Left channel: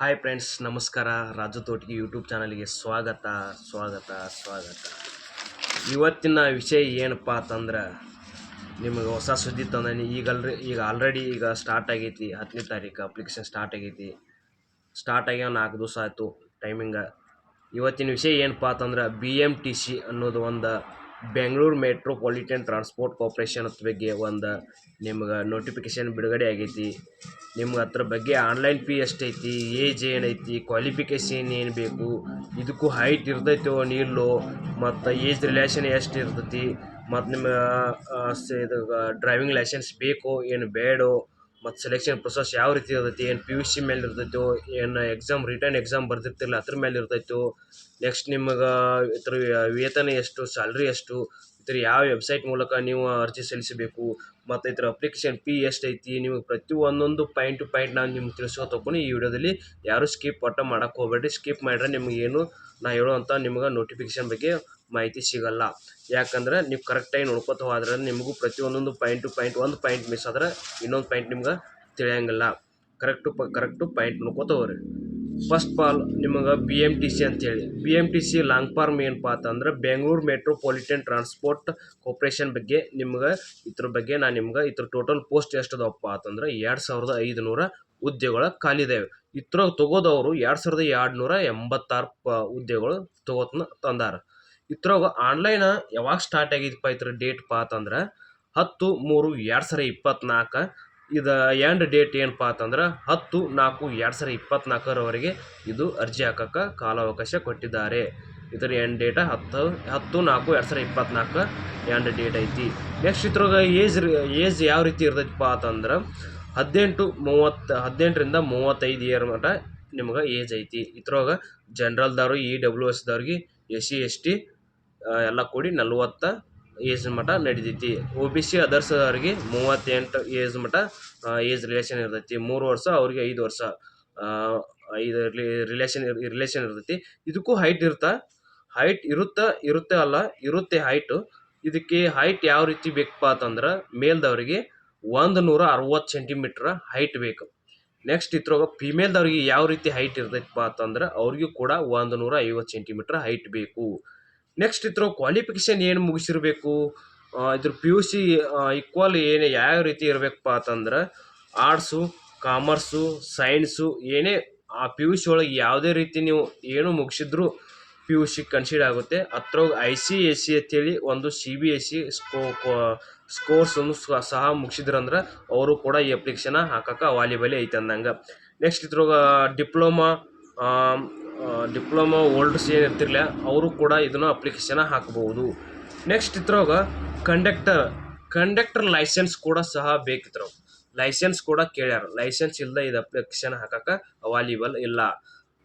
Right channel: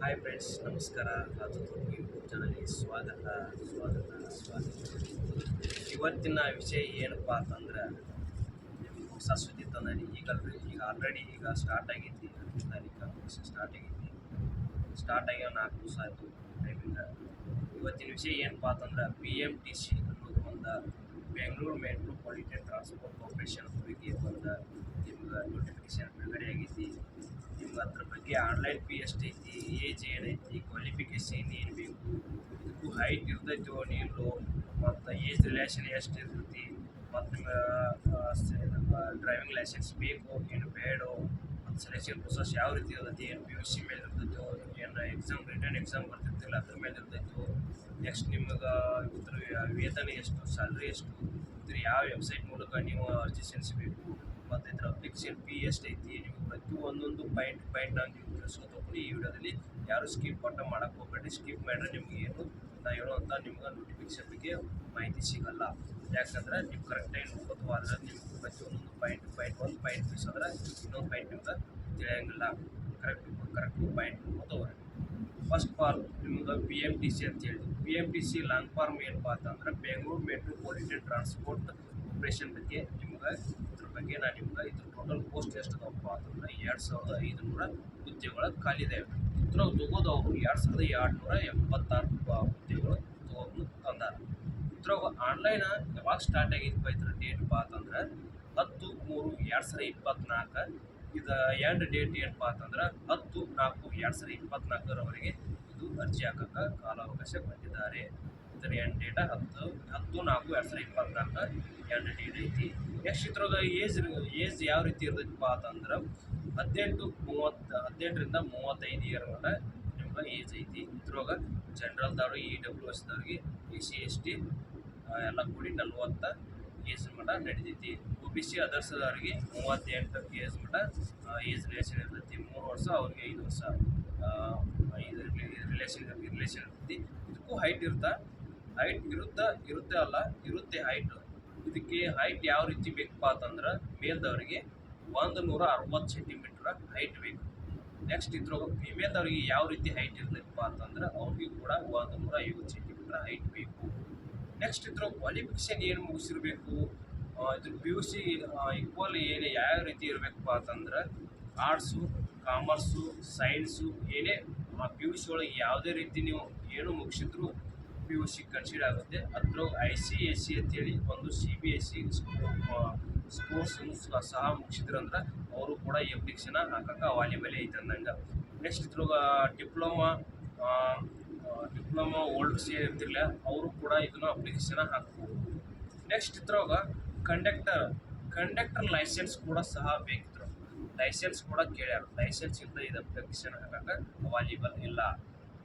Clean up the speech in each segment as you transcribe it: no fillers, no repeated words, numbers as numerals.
Hi friends, ನಮಸ್ಕಾರ. Raju Totagi YouTube ಚಾನಲ್ಗೆ ಸ್ವಾಗತ. ಇವತ್ತಿನ ವಿಷಯ ಏನಪ್ಪ ಅಂತಂದ್ರೆ ನಿಮಗೆ ಹೊಸ ಸುದ್ದಿ ತಂದಾನೆ. ಈಗ ಆಲ್ರೆಡಿ ಸ್ಟಾರ್ಟ್ ಆಗೈತಿ. 10ನೇ ತಾರೀಕು ಅಪ್ಲಿಕೇಶನ್ ಸ್ಟಾರ್ಟ್ ಆಗೈತಿ. ಸ್ಟಾರ್ಟ್ ಆಗ್ಯಾವ 4 ದಿವಸ ಆಯಿತು ಟೈಮಿಂಗ. ಇವತ್ತಿನ ವಿಷಯ ಏನಪ್ಪ ಅಂತಂದ್ರೆ BMTC ಅನ್ನೋದು ಒಂದು ಬೆಂಗಳೂರು ಮೆಟ್ರೋಪಾಲಿಟನ್ ಟ್ರಾನ್ಸ್ಪೋರ್ಟ್ ಕಾರ್ಪೊರೇಷನ್ ಬಗ್ಗೆ ಒಂದು ನಿಮ್ಗೆ ನೋಟಿಫಿಕೇಷನ್ ಬಿಡುಗಡೆ ಆಗೈತಿ. ನಿಮ್ಗೆ ಅದ್ರ ಬಗ್ಗೆ ಆನ್ಲೈನ್ ಫೀ ಎಷ್ಟೈತಿ, ಏಜ್ ಏನೈತಿ, ಕ್ವಾಲಿಫಿಕೇಷನ್ ಏನು ಬೇಕು, ಇದಕ್ಕೂ ಹೈಟ್ ಇರ್ತೈತೋ ನಿಲ್ಲೋ, ಮತ್ತು ಏಜ್ ರಿಲೇಷನ್ ಎಷ್ಟು ಇರ್ತೈತಿ, ಮತ್ತು ನಿಮ್ಮ ಇದು ಡ್ರೈವಿಂಗ್ ಲೈಸೆನ್ಸ್ ಬೇಕೋ ಏನು ಬೇಡೋ, ಮತ್ತು ಸೆಲೆಕ್ಷನ್ ಪ್ರೊಸೆಸ್ ಯಾವ ರೀತಿ ಇರ್ತೈತಿ, ಏನು PUC ಮೇಲೆ ಇರ್ತೈತೋ, ಏನು ರಿಟರ್ನ್ ಎಕ್ಸಾಮ್ ಬರ್ತಿರ್ತಿಲ್ಲ ಅದ್ರ ಮೇಲೆ ಇರ್ತೈತೋ, ನೆಕ್ಸ್ಟ್ ನಿಮಗೆ ಇದ್ರ ವೇತನ ಎಷ್ಟು, ಸ್ಯಾಲ್ರಿ ಎಷ್ಟು, ಇದ್ರ ಯಾವ ವೆಬ್ಸೈಟ್ ಮೂಲಕ ನೀವು ಅರ್ಜಿ ಸಲ್ಲಿಸಬೇಕು, ಮತ್ತು ಇದ್ರ ಅಪ್ಲಿಕೇಶನ್ ಫೀ ಎಷ್ಟೈತಿ, ನೀವು ಒಂದೊಂದು ಪಾಯಿಂಟ್ ಟು ಪಾಯಿಂಟ್ ನಾನು ನಿಮ್ಗೆ ತಿಳಿಸ್ಕೊತಕೊಂಡು ಈ ವಿಡಿಯೋದಲ್ಲಿ ಯಾರು ಸ್ಕಿಪ್ ಮಾಡೋಕ್ಕೆ ಹೋಗ್ಬೇಡ್ರಿ. ಸ್ಕಿಪ್ ಮಾಡಿದ್ರೆ ನಿಮಗೇನು ನಾ ಹೇಳುವಂಥ ನಿಮ್ಗೆ ನೋಟಿಫಿಕೇಷನ್ ಬಗ್ಗೆ ಮಾಹಿತಿ ಸಿಗಲ್ಲ. ಯಾಕಂದ್ರೆ ನೀವು ಕರೆಕ್ಟಾಗಿ ನೋಡ್ಕೊತ ಹೋದ್ರೆ ನಿಮಗೂ ಒಂದೊಂದು ಪಾಯಿಂಟ್ ಟು ಪಾಯಿಂಟ್ ಒಂದು ಪಾಯಿಂಟ್ ಮಿಸ್ ಆದ್ರೆ ಇನ್ನೊಂದು ಪಾಯಿಂಟ್ ನಿಮ್ಗೆ ತಿಳಿಯಂಗಿಲ್ಲ. ಕರೆಕ್ಟು ಪಾಯಿಂಟ್ ನೋಡ್ಕೊತ ಹೋಗ್ರಿ. ಫಸ್ಟ್ ಆಲ್ ನಿಮಗೆ BMTC ಅಂತೇಳಿ, BMTC ಲಾಂಗ್ ಫಾರ್ಮ್ ಏನಪ್ಪ ಅಂತಂದ್ರೆ ಬೆಂಗಳೂರು ಮೆಟ್ರೋಪಾಲಿಟನ್ ಟ್ರಾನ್ಸ್ಪೋರ್ಟ್ ಕಾರ್ಪೊರೇಷನ್ ಬಗ್ಗೆ ಇದ್ರ ಬಗ್ಗೆ ನಾನು ನಿಮ್ಗೆ ಇದ್ರ ಟೋಟಲ್ ಪೋಸ್ಟ್ ಎಷ್ಟು ಅದಾವಪ್ಪ ಅಂತಂದ್ರೆ 2500 ಹುದ್ದೆಗಳ ಖಾಲಿ ಇದ್ದಾವೆ. ಇದ್ರಾಗ ತಗೋದವರು 2286 ಹುದ್ದೆಗಳು ತಂದಾರ. ಇದ್ರಾಗ ಆನ್ಲೈನ್ ಯಾವಾಗ ಸ್ಟಾರ್ಟ್ ಆಗಿದೆಪ್ಪ ಇದ್ರ ಡೇಟ್ಪ ಅಂತಂದ್ರೆ 10/3/2024. ಇದು ಎಂಡ್ ಡೇಟ್ ಏನಪ್ಪ ಅಂತಂದ್ರೆ 10/4/2024 ಇದು ಅರ್ಜಿ ಹಾಕೋಕ್ಕೆ ಕಾಲಾವಕಾಶ ಕೊಟ್ಟಿದ್ದಾರೆ. ಇದರ ಎಂಡ್ ಡೇಟ 10/4/2024 ಎಂಡ್ ಡೇಟ್ ಐತಿ. ನೆಕ್ಸ್ಟ್ ಇದ್ರಾಗ ಏಜ್ ಯಾವ ರೀತಿ ಇರ್ತೈತಿಪ್ಪ ಅಂತಂದ್ರೆ 18ರಿಂದ 35 ಇಯರ್ ಮಟ ನಿಮ್ಗೆ ಏಜ್ ಐತಿ. ಇದ್ರಾಗ ಜನರಲ್ದವ್ರು, EWS SC ST ಎಲ್ಲ ಕೂಡಿ 40 ಏಜ್ ಮಟ ನಡಿತೈತಿ. OBC ಅದರ್ಸ್ ಅವ್ರಿಗೆ 38 ಏಜ್ ಮಟ ಏಜ್ ರಿಲೇಷನ್ ಇರ್ತೈತಿ. 3 ವರ್ಷ ಅವ್ರಿಗೆ 5 ವರ್ಷ 5 ರಿಲೇಷನ್ ಇರ್ತೈತಿ. ಇದಕ್ಕೂ ಹೈಟ್ ಇರುತ್ತೆ ಹೈಟು. ಇದಕ್ಕೆ ಹೈಟ್ ಯಾವ ರೀತಿ ಬೇಕಪ್ಪ ಅಂತಂದ್ರೆ ಮೇಲ್ದವ್ರಿಗೆ 160 ಸೆಂಟಿಮೀಟ್ರ್ ಹೈಟ್ ಬೇಕು. ನೆಕ್ಸ್ಟ್ ಇದ್ರಾಗ ಫಿಮೇಲ್ದವ್ರಿಗೆ ಯಾವ ರೀತಿ ಹೈಟ್ ಇರ್ತೈತಪ್ಪ ಅಂತಂದ್ರೆ ಅವ್ರಿಗೂ ಕೂಡ 150 ಸೆಂಟಿಮೀಟ್ರ್ ಹೈಟ್ ಬೇಕು. ನೆಕ್ಸ್ಟ್ ಇದ್ರಾಗ ಕ್ವಾಲಿಫಿಕೇಷನ್ ಏನು ಮುಗಿಸಿರಬೇಕು, ಇದ್ರ PUC ಈಕ್ವಲ್ ಯಾವ ರೀತಿ ಇರಬೇಕಪ್ಪ ಅಂತಂದ್ರೆ ಆರ್ಟ್ಸು, ಕಾಮರ್ಸು, ಸೈನ್ಸು ಏನೇ ಆ PUC ಒಳಗೆ ಯಾವುದೇ ರೀತಿ ನೀವು ಏನು ಮುಗಿಸಿದ್ರು PUC ಕನ್ಸಿಡರ್ ಆಗುತ್ತೆ. ಅದ್ರಾಗ ICSE ಅಂತೇಳಿ ಒಂದು CBSE ಸ್ಕೋರ್ಸನ್ನು ಸಹ ಮುಗಿಸಿದ್ರಂದ್ರೆ ಅವರು ಕೂಡ ಈ ಅಪ್ಲಿಕೇಶನ್ ಹಾಕೋಕೆ ಅವೈಲೇಬಲ್ ಐತೆ ಅಂದಂಗೆ. ನೆಕ್ಸ್ಟ್ ಇದ್ರಾಗ ಡಿಪ್ಲೊಮಾ ಓಲ್ಡ್ಸ್ ಏನು ಇರ್ತಿರ್ಲಿಲ್ಲ ಅವರು ಕೂಡ ಇದನ್ನು ಅಪ್ಲಿಕೇಶನ್ ಹಾಕ್ಬೋದು. ನೆಕ್ಸ್ಟ್ ಇದ್ರಾಗ ಕಂಡಕ್ಟರ್ ಲೈಸೆನ್ಸ್ ಕೂಡ ಸಹ ಬೇಕಿದ್ರು. ಲೈಸೆನ್ಸ್ ಕೂಡ ಕೇಳ್ಯಾರ. ಲೈಸೆನ್ಸ್ ಇಲ್ಲದೆ ಇದು ಅಪ್ಲಿಕೇಶನ್ ಹಾಕೋಕೆ ಅವೈಲೇಬಲ್ ಇಲ್ಲ.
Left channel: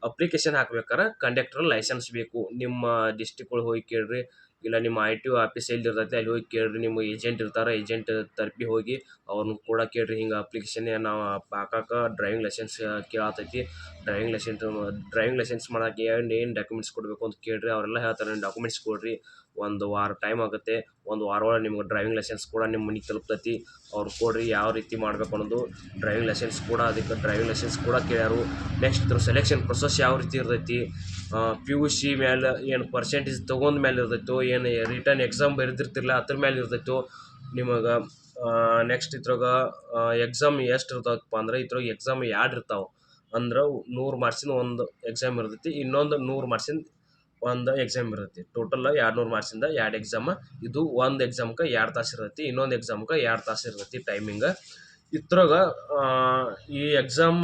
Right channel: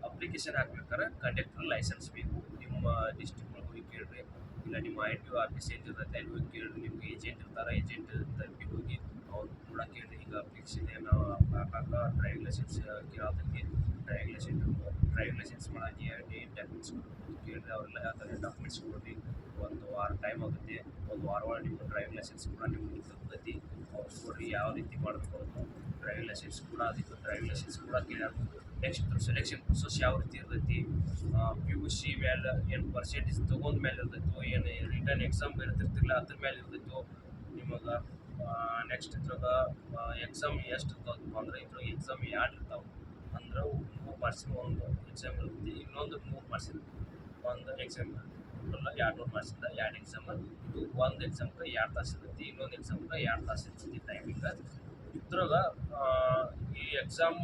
ಅಪ್ಲಿಕೇಶನ್ ಹಾಕ್ಬೇಕಾರೆ ಕಂಡಕ್ಟರ್ ಲೈಸೆನ್ಸ್ ಬೇಕು. ನಿಮ್ಮ ಡಿಸ್ಟಿಕ್ಗಳಿಗೆ ಹೋಗಿ ಕೇಳ್ರಿ, ಇಲ್ಲ ನಿಮ್ಮ ITO ಆಫೀಸ್ ಎಲ್ಲಿ ಇರ್ತೈತೆ ಅಲ್ಲಿ ಹೋಗಿ ಕೇಳ್ರಿ. ನಿಮ್ಮ ಏಜೆಂಟ್ ಇರ್ತಾರೆ, ಏಜೆಂಟ್ ತರಪಿ ಹೋಗಿ ಅವ್ರನ್ನ ಕೂಡ ಕೇಳ್ರಿ. ಹಿಂಗೆ ಅಪ್ಲಿಕೇಶನ್ ನಾವು ಹಾಕೋಕೆ ಡ್ರೈವಿಂಗ್ ಲೈಸೆನ್ಸ್ ಕೇಳತೈತಿ. ಡ್ರೈವಿಂಗ್ ಲೈಸೆನ್ಸ್ ಮಾಡೋಕ್ಕೆ ಏನು ಡಾಕ್ಯುಮೆಂಟ್ಸ್ ಕೊಡಬೇಕು ಅಂತ ಕೇಳ್ರಿ. ಅವರೆಲ್ಲ ಹೇಳ್ತಾರೆ ಡಾಕ್ಯುಮೆಂಟ್ಸ್ ಕೊಡ್ರಿ. 1 ವಾರ ಟೈಮ್ ಆಗುತ್ತೆ. 1 ವಾರ ಒಳಗೆ ನಿಮ್ಗೆ ಡ್ರೈವಿಂಗ್ ಲೈಸೆನ್ಸ್ ಕೂಡ ನಿಮ್ಮ ಮನೆಗೆ ತಲುಪ್ತೈತಿ. ಅವ್ರು ಕೊಡ್ರಿ ಯಾವ ರೀತಿ ಮಾಡಬೇಕು ಅನ್ನೋದು ಡ್ರೈವಿಂಗ್ ಲೈಸೆನ್ಸ್ ಕೂಡ ಕೇಳ್ಯಾರು. ನೆಕ್ಸ್ಟ್ ಇದ್ರ ಸೆಲೆಕ್ಷನ್ ಪ್ರೊಸೆಸ್ ಯಾವ ರೀತಿ ಇರ್ತೈತಿ, PUC ಮೇಲೆ ಏನು ಪರ್ಸೆಂಟೇಜ್ ತೊಗೊಂಡ ಮೇಲೆ ಇರ್ತೈತೋ, ಏನು ರಿಟರ್ನ್ ಎಕ್ಸಾಮ್ ಬರೆದಿರ್ತಿರಲ್ಲ ಅದ್ರ ಮೇಲೆ ಇರ್ತೈತೋ ನಿಮಗೆ. ನೆಕ್ಸ್ಟ್ ಇದ್ರಾಗ ಎಕ್ಸಾಮ್ ಎಷ್ಟು ಇರ್ತಾವಪ್ಪ ಅಂದ್ರೆ ಇದ್ರಾಗ ಎಕ್ಸಾಮ್ 2 ಇರ್ತಾವೆ. ಅಂದ್ರೆ 100 ಮಾರ್ಕ್ಸಿಂದ ಒಂದು ಎಕ್ಸಾಮ್ ಇರ್ತೈತಿ, ಇನ್ನೊಂದು 100 ಮಾರ್ಕ್ಸಿಂದ ಒಂದು ಎಕ್ಸಾಮ್ ಇರ್ತೈತಿ. Total 200 ಮಾರ್ಕ್ಸಿಂದ 2 exam. ಇದು ಒಂದು ಎಕ್ಸಾಮ್ಗೆ 2 ತಾಸು ಇರ್ತೈತಿ, ಇನ್ನೊಂದು ಎಕ್ಸಾಮ್ಗೆ 2 ತಾಸು ಇರ್ತೈತಿ ಟೈಮಿಂಗ್. ಇದ್ರಾಗ ಈ ಎಕ್ಸಾಮ್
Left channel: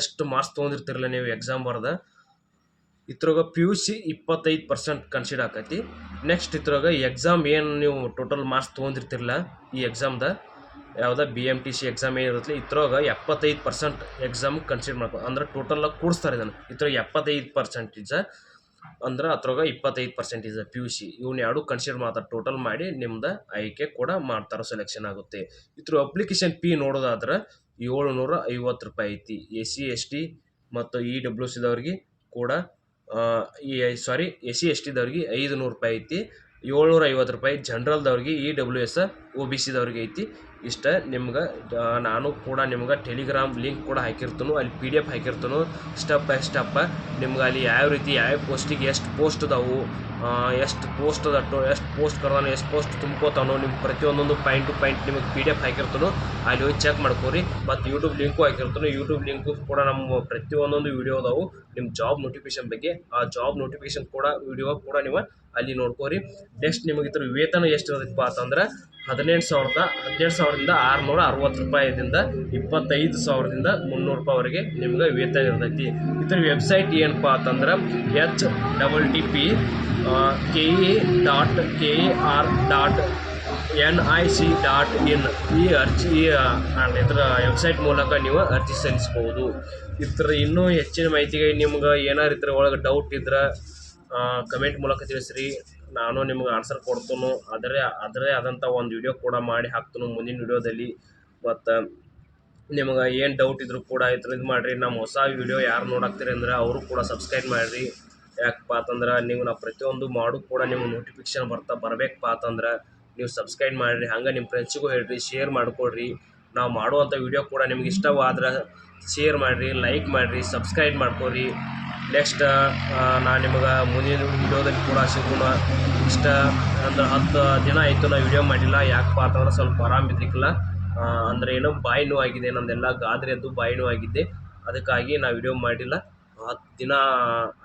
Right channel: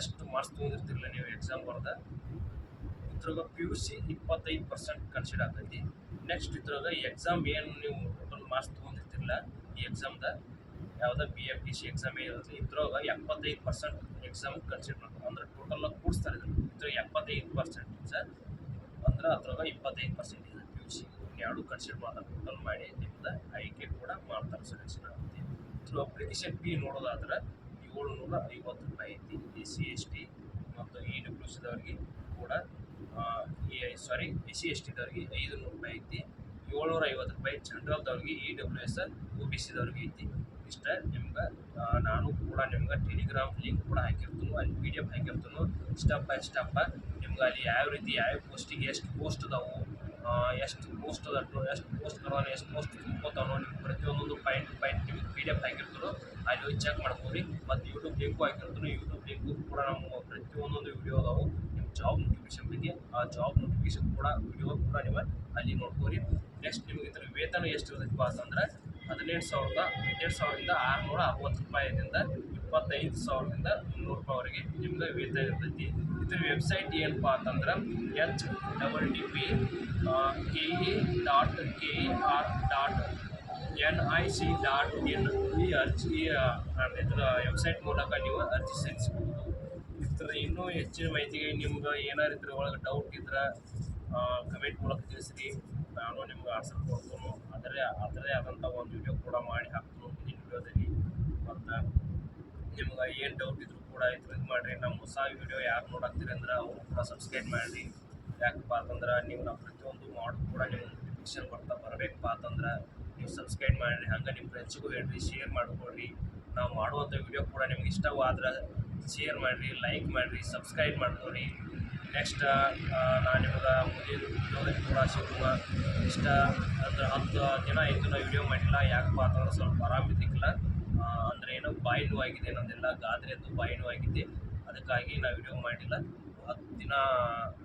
ಎಷ್ಟು ಮಾರ್ಕ್ಸ್ ತೊಗೊಂಡಿರ್ತಿರಲ್ಲ ನೀವು ಎಕ್ಸಾಮ್ ಬರೆದ, ಇದ್ರಾಗ PUC 25% ಕನ್ಸಿಡರ್ ಆಕೈತಿ. ನೆಕ್ಸ್ಟ್ ಇದ್ರಾಗ ಎಕ್ಸಾಮ್ ಏನು ನೀವು ಟೋಟಲ್ ಮಾರ್ಕ್ಸ್ ತೊಗೊಂಡಿರ್ತಿರಲ್ಲ ಈ ಎಕ್ಸಾಮ್ದ ಯಾವುದೇ BMTC ಎಕ್ಸಾಮ್ ಏನಿರುತ್ತೆ ಇದ್ರಾಗ 75% ಎಕ್ಸಾಮ್ ಕನ್ಸಿಡರ್ ಮಾಡ್ಕೊ ಅಂದ್ರೆ ಟೋಟಲ್ ಕೂಡಿಸ್ತಾರೆ ಇದನ್ನು. ಇದ್ರಾಗ 75% ಅಂದ್ರೆ ಅದ್ರಾಗ 25% PUC ಇವ್ನ 2 ಕನ್ಸಿಡರ್ ಮಾಡ್ತಾರೆ. ಟೋಟಲ್ ಮಾಡಿ ನಿಮ್ದು ಆಯ್ಕೆ ಕೂಡ ಮಾಡ್ತಾರೆ, ಸೆಲೆಕ್ಷನ್ ಆಗುತ್ತೆ. ಇದ್ರ ಅಪ್ಲಿಕೇಶನ್ ಫೀ ನೋಡೋದಾದ್ರೆ 750 ರೂಪಾಯಿ ಐತಿ. SC ST ಮತ್ತು EWS ದವ್ರಿಗೆ ಕೂಡ SC ST ದವ್ರಿಗೆ 500 ರೂಪಾಯಿ ಐತಿ. 750 ರೂಪಾಯಿ. ಜನರಲ್ದವ್ರಿಗೆ EWS OBCದವ್ರಿಗೆ ಐತಿ. ಇಷ್ಟ ನಿಮ್ಗೆ ನಾನು ಕೂಡ ನಿಮ್ಗೆ ಟೆಲಿಗ್ರಾಮ್ ಲಿಂಕ್ ಕೂಡ ಹಾಕಿರ್ತೀನಿ, ಅಲ್ಲಿ PDF ಹಾಕಿರ್ತೀನಿ ಸ್ಟೆಪ್ ಬೈ ಸ್ಟೆಪ್. ನಿಮ್ಗೆ ಅಲ್ಲಿ ಯಾವ ರೀತಿ ಯಾವ ಪೋಸ್ಟಿಗೆ ಎಷ್ಟು ಪೋಸ್ಟ್ ಅದಾವು, ಎಷ್ಟು ಪೋಸ್ಟ್ ಅದಟ್ಟು, ಎಷ್ಟು ಪೋಸ್ಟ್ ಕರೋನು, ಎಷ್ಟು ಪೋಸ್ಟ್ ತುಂಬ್ಕೋತಾನೋ, ನಿಮ್ಗೆ ಪ್ರತಿಯೊಂದೊಂದು ಪಾಯಿಂಟ್ ಟು ಪಾಯಿಂಟ್ ನಿಮಗೆ PDF ಹಾಕಿರ್ತಾನೋ ಅಲ್ಲಿ ಹೋಗಿ ಚೆಕ್ ಮಾಡ್ಕೋರಿ. ಮತ್ತು ಯೂಟ್ಯೂಬ್ ಲಿಂಕು ಹಾಕಿರ್ತಾನೋ, ಯೂಟ್ಯೂಬ್ ಲಿಂಕು ಕೂಡ ನಮ್ಮ ಪ್ರತಿಯೊಂದೊಂದು ವೀಡಿಯೋ ಅದಾವು ನಿಮ್ಮ ಜಾಬ್ ನೋಟಿಫಿಕೇಶನ್ ಬಗ್ಗೆ. ಆ ಜಾಬ್ ನೋಟಿಫಿಕೇಶನ್ ಕೂಡ ವಿಡಿಯೋ ಕೂಡ ನೀವು ಅಲ್ಲಿ ನೋಡ್ಕೋರಿ. ನೆಕ್ಸ್ಟ್ ನಿಮಗೆ ಇದ್ರ ವೇತನ ಎಷ್ಟು ಇರತ್ತಪ್ಪ ಅಂತಂದ್ರೆ 18,000ದಿಂದ 660 ರೂಪಾಯಿದಿಂದ 25,000ದಿಂದ 300 ರೂಪಾಯಿವರೆಗೆ ನಿಮ್ಗೆ ವೇತನ ಇರ್ತೈತಿ. ಇದ್ರ ವೆಬ್ಸೈಟ್ ಏನಪ್ಪ ಅಂತಂದ್ರೆ http://ke.kar.nic.in ಈ ಇದರ ವೆಬ್ಸೈಟ್ ಮೂಲಕ ನೀವು ಅರ್ಜಿ ಸಲ್ಲಿಸ್ಬೋದು. ಇದ್ರ ಇನ್ನೂ ಹೆಚ್ಚಿನ ಮಾಹಿತಿಗೆ ನಿಮ್ಗೆ ಏನಾರು ಇದ್ರ ಒಳಗೆ ಡೌಟ್ ಇದ್ರೆ ಕಮೆಂಟ್ ಮೂಲಕ ತಿಳಿಸ್ರಿ, ನಾನು ನಿಮ್ಗೆ ಆನ್ಸರ್ ಕೊಡ್ತೀನಿ. ಅದರೇ ಆದಂಥ ಒಂದು ವಿಡಿಯೋ ಕೂಡ ಮಾಡಿ ಹಾಕ್ತೀನಿ ಮುಂದಿನ ವಿಡಿಯೋದಲ್ಲಿ. ಮತ್ತು ನಿಮ್ಗೆ ಏನು ಡೌಟ್ ಇದ್ರೂ ಕೂಡ ಇದು ಮಾಡಿರಿ. ನಮ್ಮ ಹೊಸ ವಿಡಿಯೋ ಯಾರು ನೋಡಾಕ್ತೀರಿ ಅಂದ್ರೆ ಅವರು ಕೂಡ ಸಬ್ಸ್ಕ್ರೈಬ್ ಮಾಡಿರಿ. ಯಾಕಪ್ಪ ಅಂತಂದ್ರೆ ನೀವು ನಾವು ಪ್ರತಿಯೊಂದು ಮಾಡೋದು ಕೂಡ ನಿಮ್ಗೆ ನೋಟಿಫಿಕೇಶನ್ ಬರಬೇಕಪ್ಪ ಅಂತಂದ್ರೆ ನೀವು ಸಬ್ಸ್ಕ್ರೈಬ್ ಮಾಡಿರಿ. ಹಂಗೆ ನಿಮ್ಮ ಫ್ರೆಂಡ್ಸಿಗೂ ಹೇಳ್ರಿ, ಶೇರ್ ಮಾಡಿಕೊಡ್ರಿ. ನಾವು ಮಾಡುವಂಥ ವಿಡಿಯೋ ಕೂಡ ನಿಮ್ಗೆ ಇಷ್ಟವಾದ್ರೆ ಶೇರ್ ಮಾಡಿರಿ, ಲೈಕ್ ಮಾಡಿರಿ, ಸಬ್ಸ್ಕ್ರೈಬ್ ಮಾಡ್ಕೊರಿ. ನೆಕ್ಸ್ಟ್ ನಾನು ನಿಮಗೆ ಮುಂದಿನ ವಿಡಿಯೋದಲ್ಲಿ ಕೂಡ ಸಿಗೋಣ. ಇಷ್ಟ ಅಂದ್ರೆ 10 ದಿನ ಆಯಿತು ನಾವು ವಿಡಿಯೋ ಮಾಡಿಲ್ಲ. ಯಾಕಪ್ಪ ಅಂತಂದ್ರೆ ಸ್ವಲ್ಪ ಆರಾಮಿದ್ರಿಕಿಲ್ಲ, ಅಂದರೆ ಏನೋ ಬಾಯಿ ನೋವು ಆಗಿದೆ, ನಮ್ಮದೆಲ್ಲ ಗಾದ್ರೆ ಎದ್ದು ಬಾಯಿ ನೋವು ಆಗಿದ್ದೆ. ಅದಕ್ಕಾಗಿ ನಾವು ವಿಡಿಯೋ ಮಾಡಿಲ್ಲ. 10 ದಿನ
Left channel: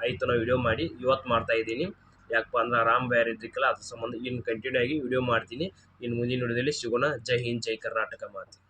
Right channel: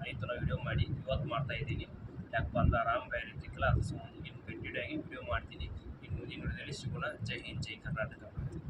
ಆಯಿತು ನಾವು ವಿಡಿಯೋ ಮಾಡಿ, ಇವತ್ತು ಮಾಡ್ತಾಯಿದ್ದೀನಿ. ಯಾಕಪ್ಪ ಅಂದ್ರೆ ಆರಾಮ್ ಬೇರೆ ಇದ್ರಿಕಿಲ್ಲ, ಅದ್ರ ಸಂಬಂಧ ಇನ್ನು ಕಂಟಿನ್ಯೂ ಆಗಿ ವಿಡಿಯೋ ಮಾಡ್ತೀನಿ. ಇನ್ನು ಮುಂದಿನ ವಿಡಿಯೋದಲ್ಲಿ ಸಿಗೋಣ. ಜೈ ಹಿಂದ್, ಜೈ ಕರ್ನಾಟಕ ಮಾಡ್ತೀನಿ.